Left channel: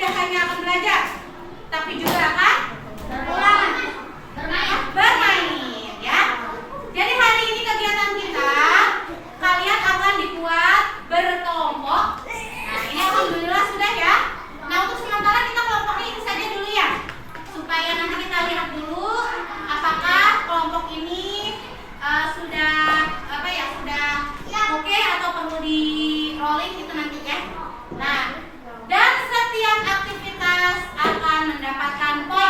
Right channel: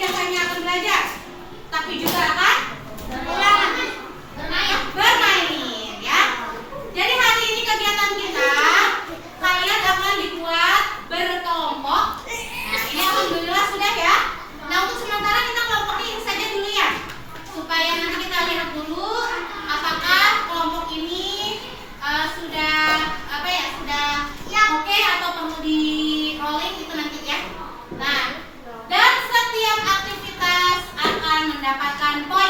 tidak hanya akan belajar, tapi juga akan bermain, ya. Jadi hari ini kegiatan kita, kalian akan dibuat berkelompok. Nah, ini alhamdulillah sudah ya. Nah, untuk sementara kita kelompoknya ini saja dulu ya, supaya nanti kita lihat dulu apakah kelompok ini sudah oke atau perlu di rolling itu nanti ya. Nah, dan setiap aktivitas akan mendapatkan poin.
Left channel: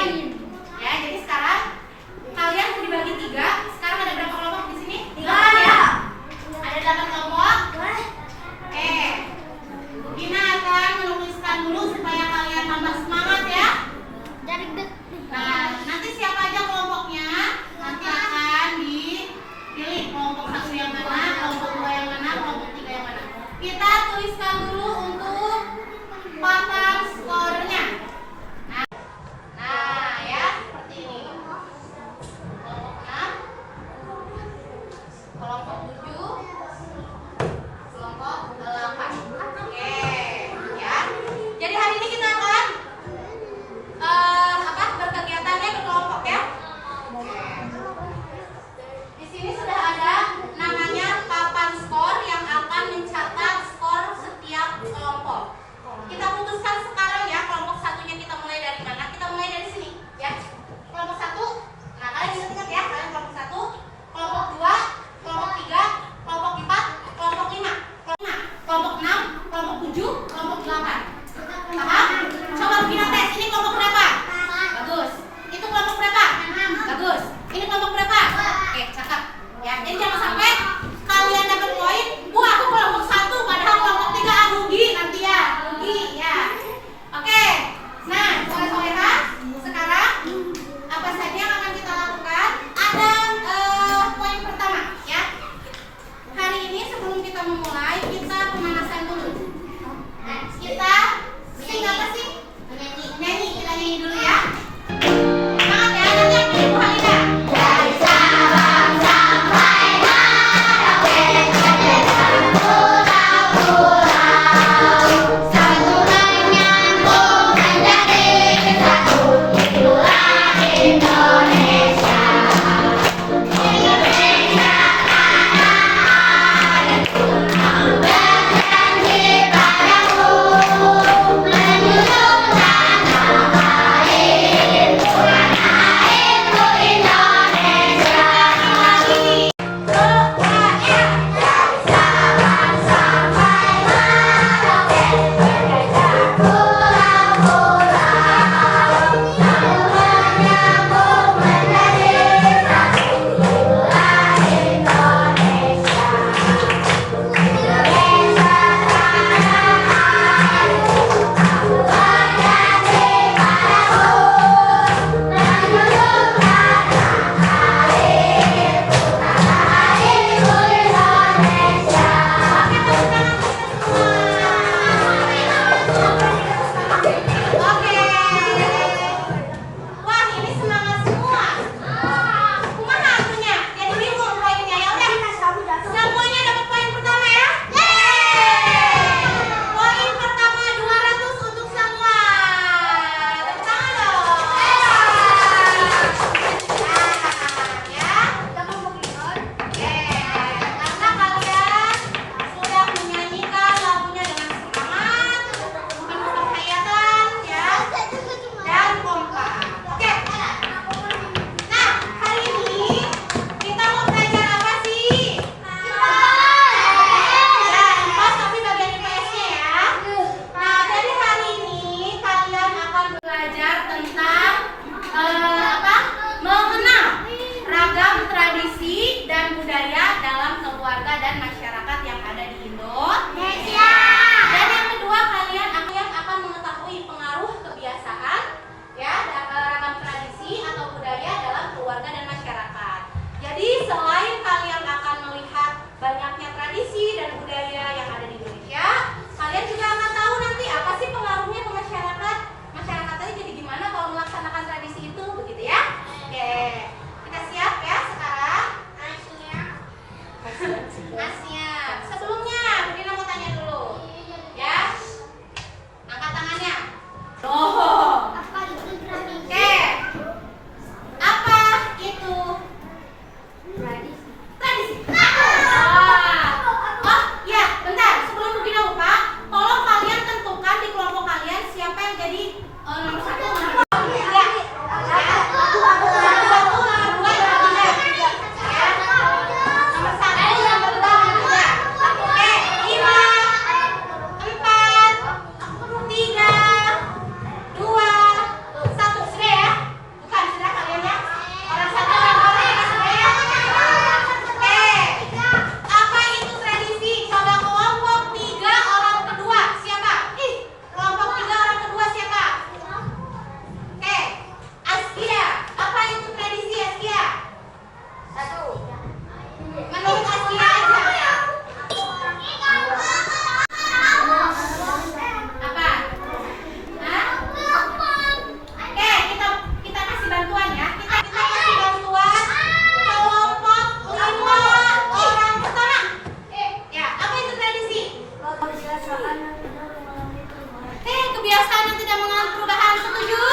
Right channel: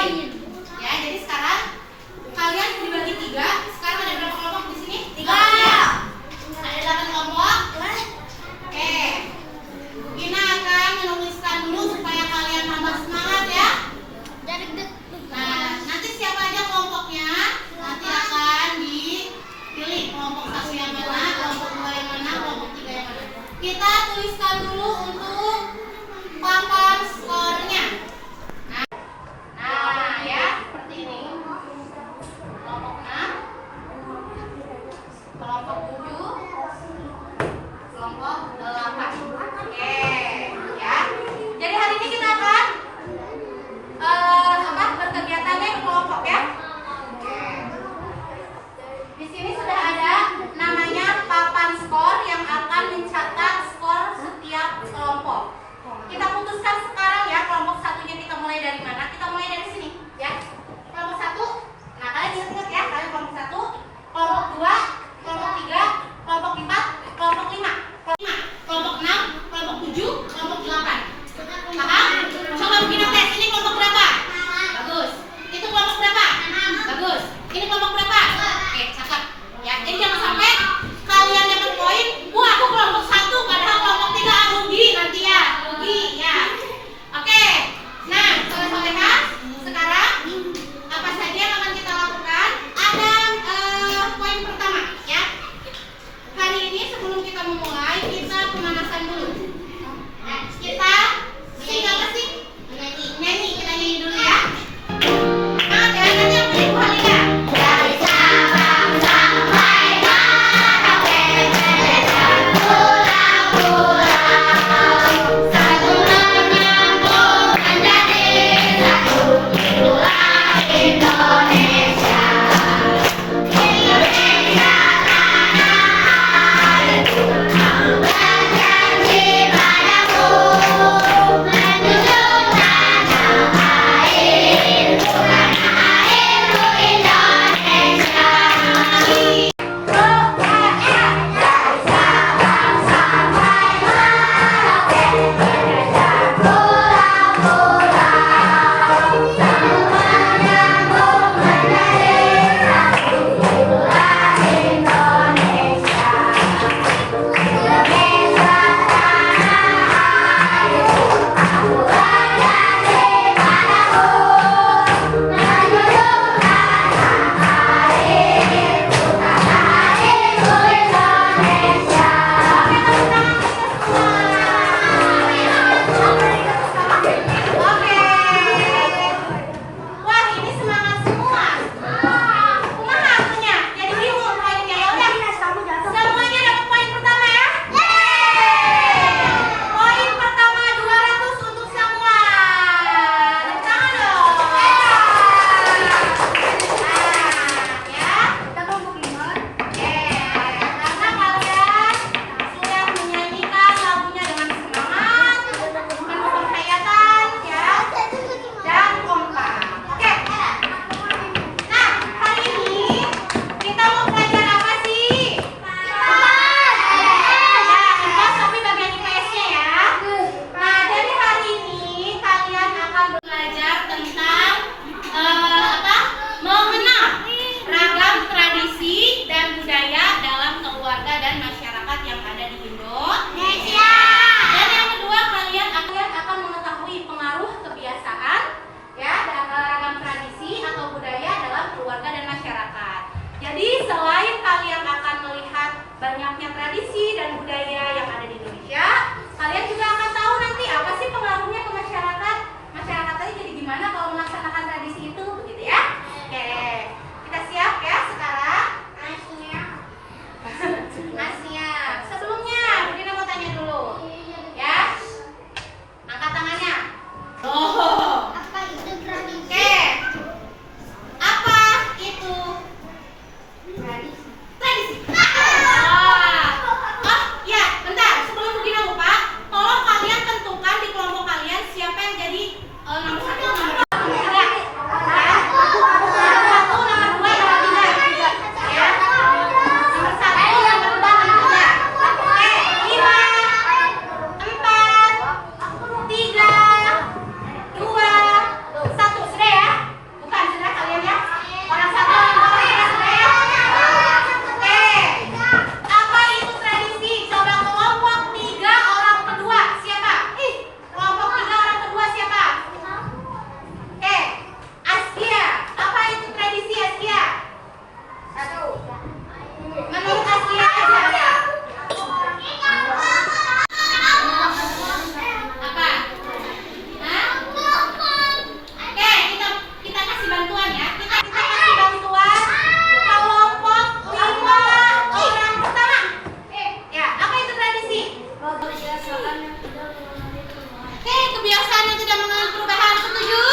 kebiasaan yang tidak mengalami perubahan. Setuju?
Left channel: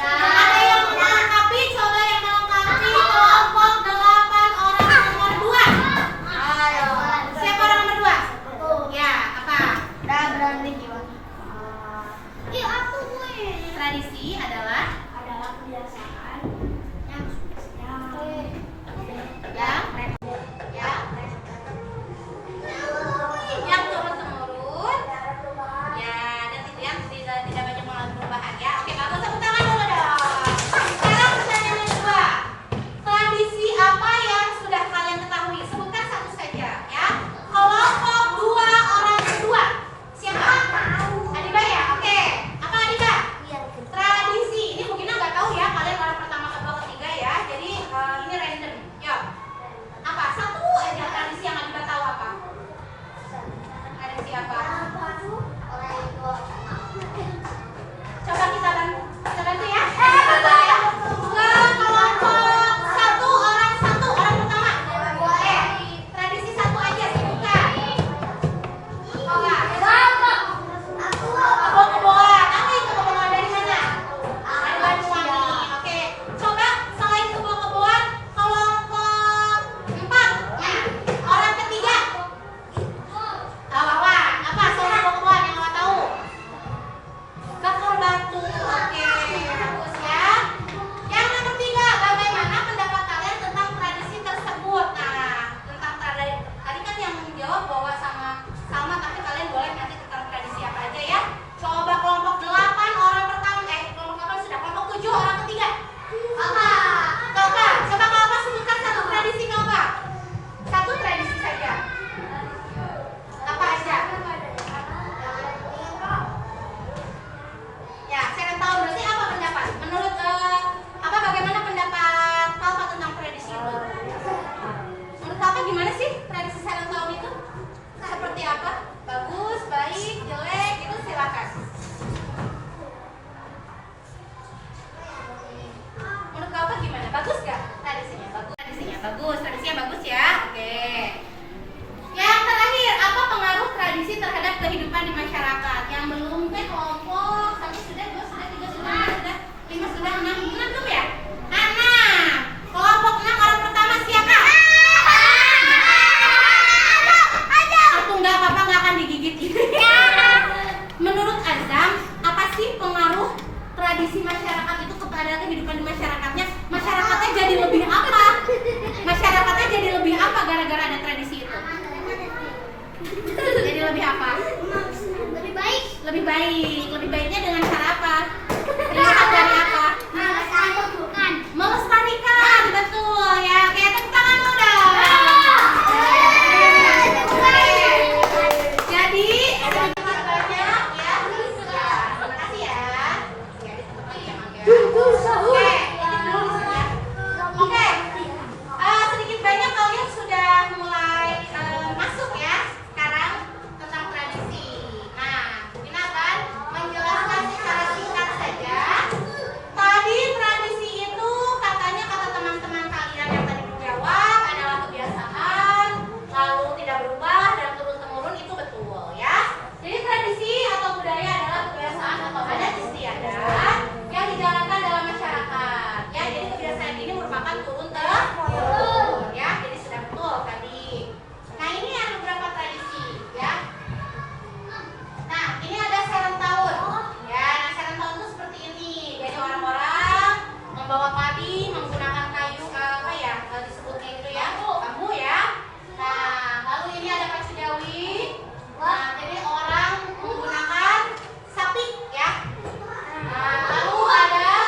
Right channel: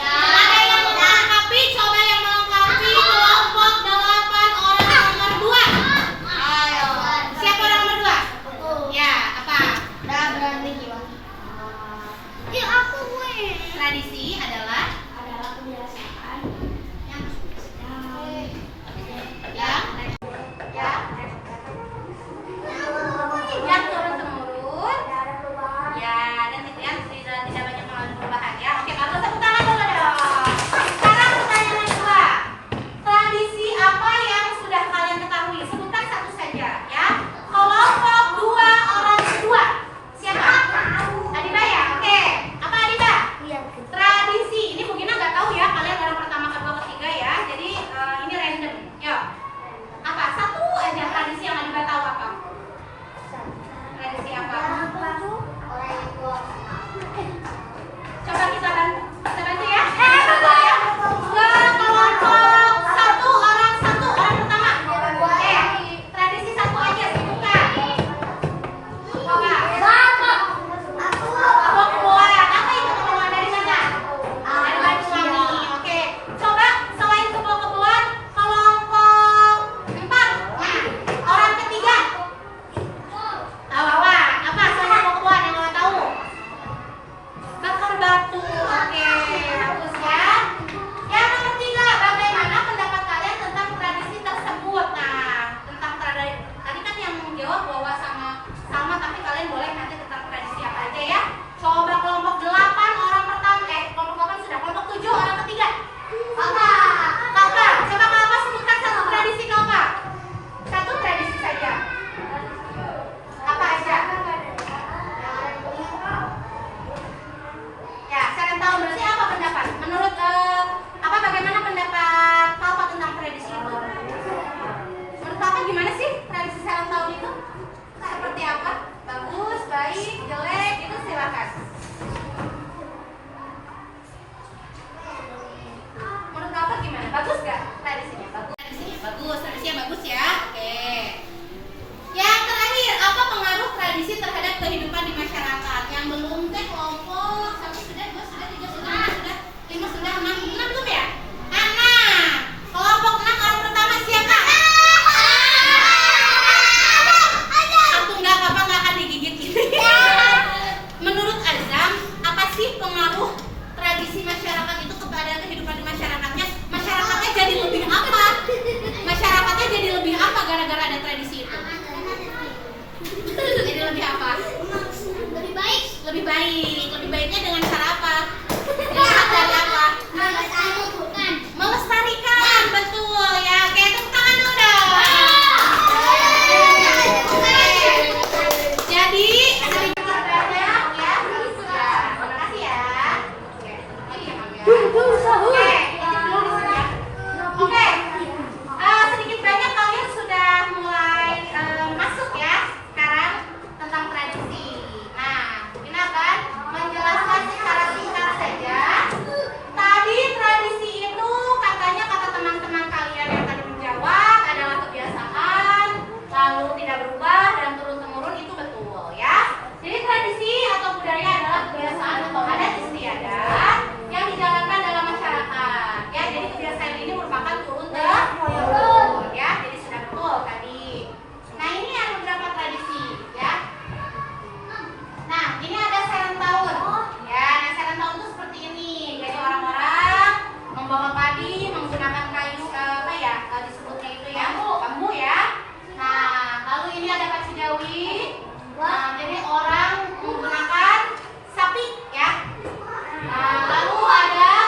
Ada yang melengkapi? Coba yang melengkapi kelompok 8 orang nomor 2. Ayo. Siapa orang nomor 2? Ya, apa? Tradisi adalah kebiasaan yang yang turun temurun. Ya, dan tidak banyak mengalami perubahan ya. Oke, kalau tepuk tangan dulu dong. Sekarang pertanyaan yang kedua. Tradisi apa yang sudah kalian ketahui? Sebutkan satu saja ya. Kelompok 2 orang kedua. Siapa? Adiba ya? Oke. Apa Adiba? Tradisi. Ini mungkin nggak tahu ya kalian orang pertama, kedua, ketiga ya. Jadi ini random. Yuk. Apa? Satu aja tradisi yang Adiba tahu apa? Tradisi apa? Coba kita bantu ya. Dua kelompok satu orang pertama. Tradisi satu aja sebutkan. Coba. Kebobolan. Apa itu kebobolan dari mana? Dari Banyuwangi. Oke. Coba selain kebobolan kelompok 4. Orang ketiga. Wawa. Apa selain kebobolan yang Wawa tahu? Bakar batu. Oke, bagus ya. Yang nomor 3, bagaimana pendapat kalian tentang tradisi tersebut? Nah, tentang tradisi tadi kan yang jawab Wawa sama Salma, tapi kalian boleh nanti tentang tradisi apa aja ya. Coba kelompok 8 orang pertama, kelompok 8 sudah, kelompok 7 orang ketiga. Kakak, coba Kakak sebutkan satu tradisi Kakak. Satu tradisi saja. Apa aja? Ya, saya akan tahu berarti apa pendapat? Menurut bagaimana pendapat Papa tentang tradisi itu? Menurut Papa gimana sih tradisi saya tahun itu? Seperti apa? Bagus, baik, jelek, itu silakan. Menurut Papa gimana? Bagus gak tradisinya? Bagus. Tradisinya bagus ya. Oke. Yang terakhir, apa pengaruh tradisi terhadap kehidupan di masyarakat? Yang belum teh kelompok 1 sudah, 2 sudah, 3 sudah, 4 sudah, 5 sudah, 6 belum ya? 6. Kelompok 6 orang pertama siapa? Satu nggak apa-apa, nggak akan digigit gitu. Menurut Azam, apa sih pengaruh tradisi masyarakat itu kepada kehidupan di masyarakatnya? Masyarakatnya jadi lebih apa? Masyarakatnya jadi lebih apa gara-gara ada tradisi itu? Jadi lebih apa? Lebih baik. Lebih baiknya dengan cara apa? Dilihat dari apa? Melestarikan, betul ya. Oke, tepuk tangan dulu dong. Jadi sedikit banyak ya. Terima kasih ya. Oke. Sedikit banyak kalian sudah mulai masuk ya sekarang tentang tradisi. Nah, ini akan menjelaskan secara singkat saja. Tadi tradisi itu katanya kata teman-teman kalian yang tadi menjawab adalah kebiasaan, lalu tidak berubah dan turun-temurun, itu betul ya. Jadi tradisi atau budaya adalah kebiasaan atau adat istiadat yang dijalankan dalam masyarakat. Ya, jadi kebiasaan ini merupakan turun-temurun ya. Jadi sudah betul tadi. Nah, ini ada beberapa tradisi ya. Nah, ini ada serentahun. Ya, nah serentahun itu seperti ini. Jadi orang-orang membawa padi menggunakan kayu disebutnya itu ya, bambu ya. Nah, lalu ini ada pacu jawi. Nah, jadi orang menggunakan sapi ya. Nah, lalu ada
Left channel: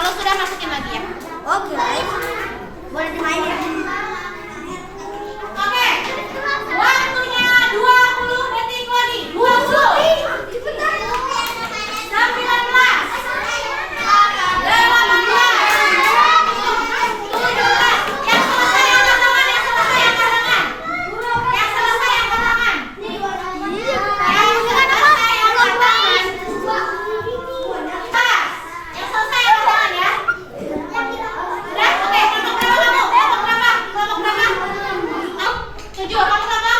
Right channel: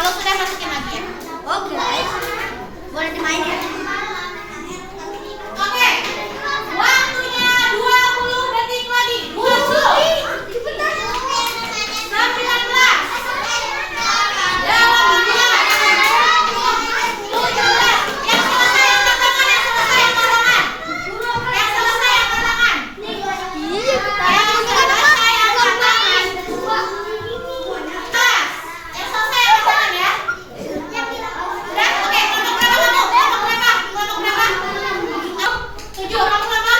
Kalau sudah masukin lagi ya. Oke. Boleh dimainin. Oke. Waktunya 20 detik lagi. 20. 3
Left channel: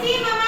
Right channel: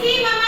Permisi, Mama.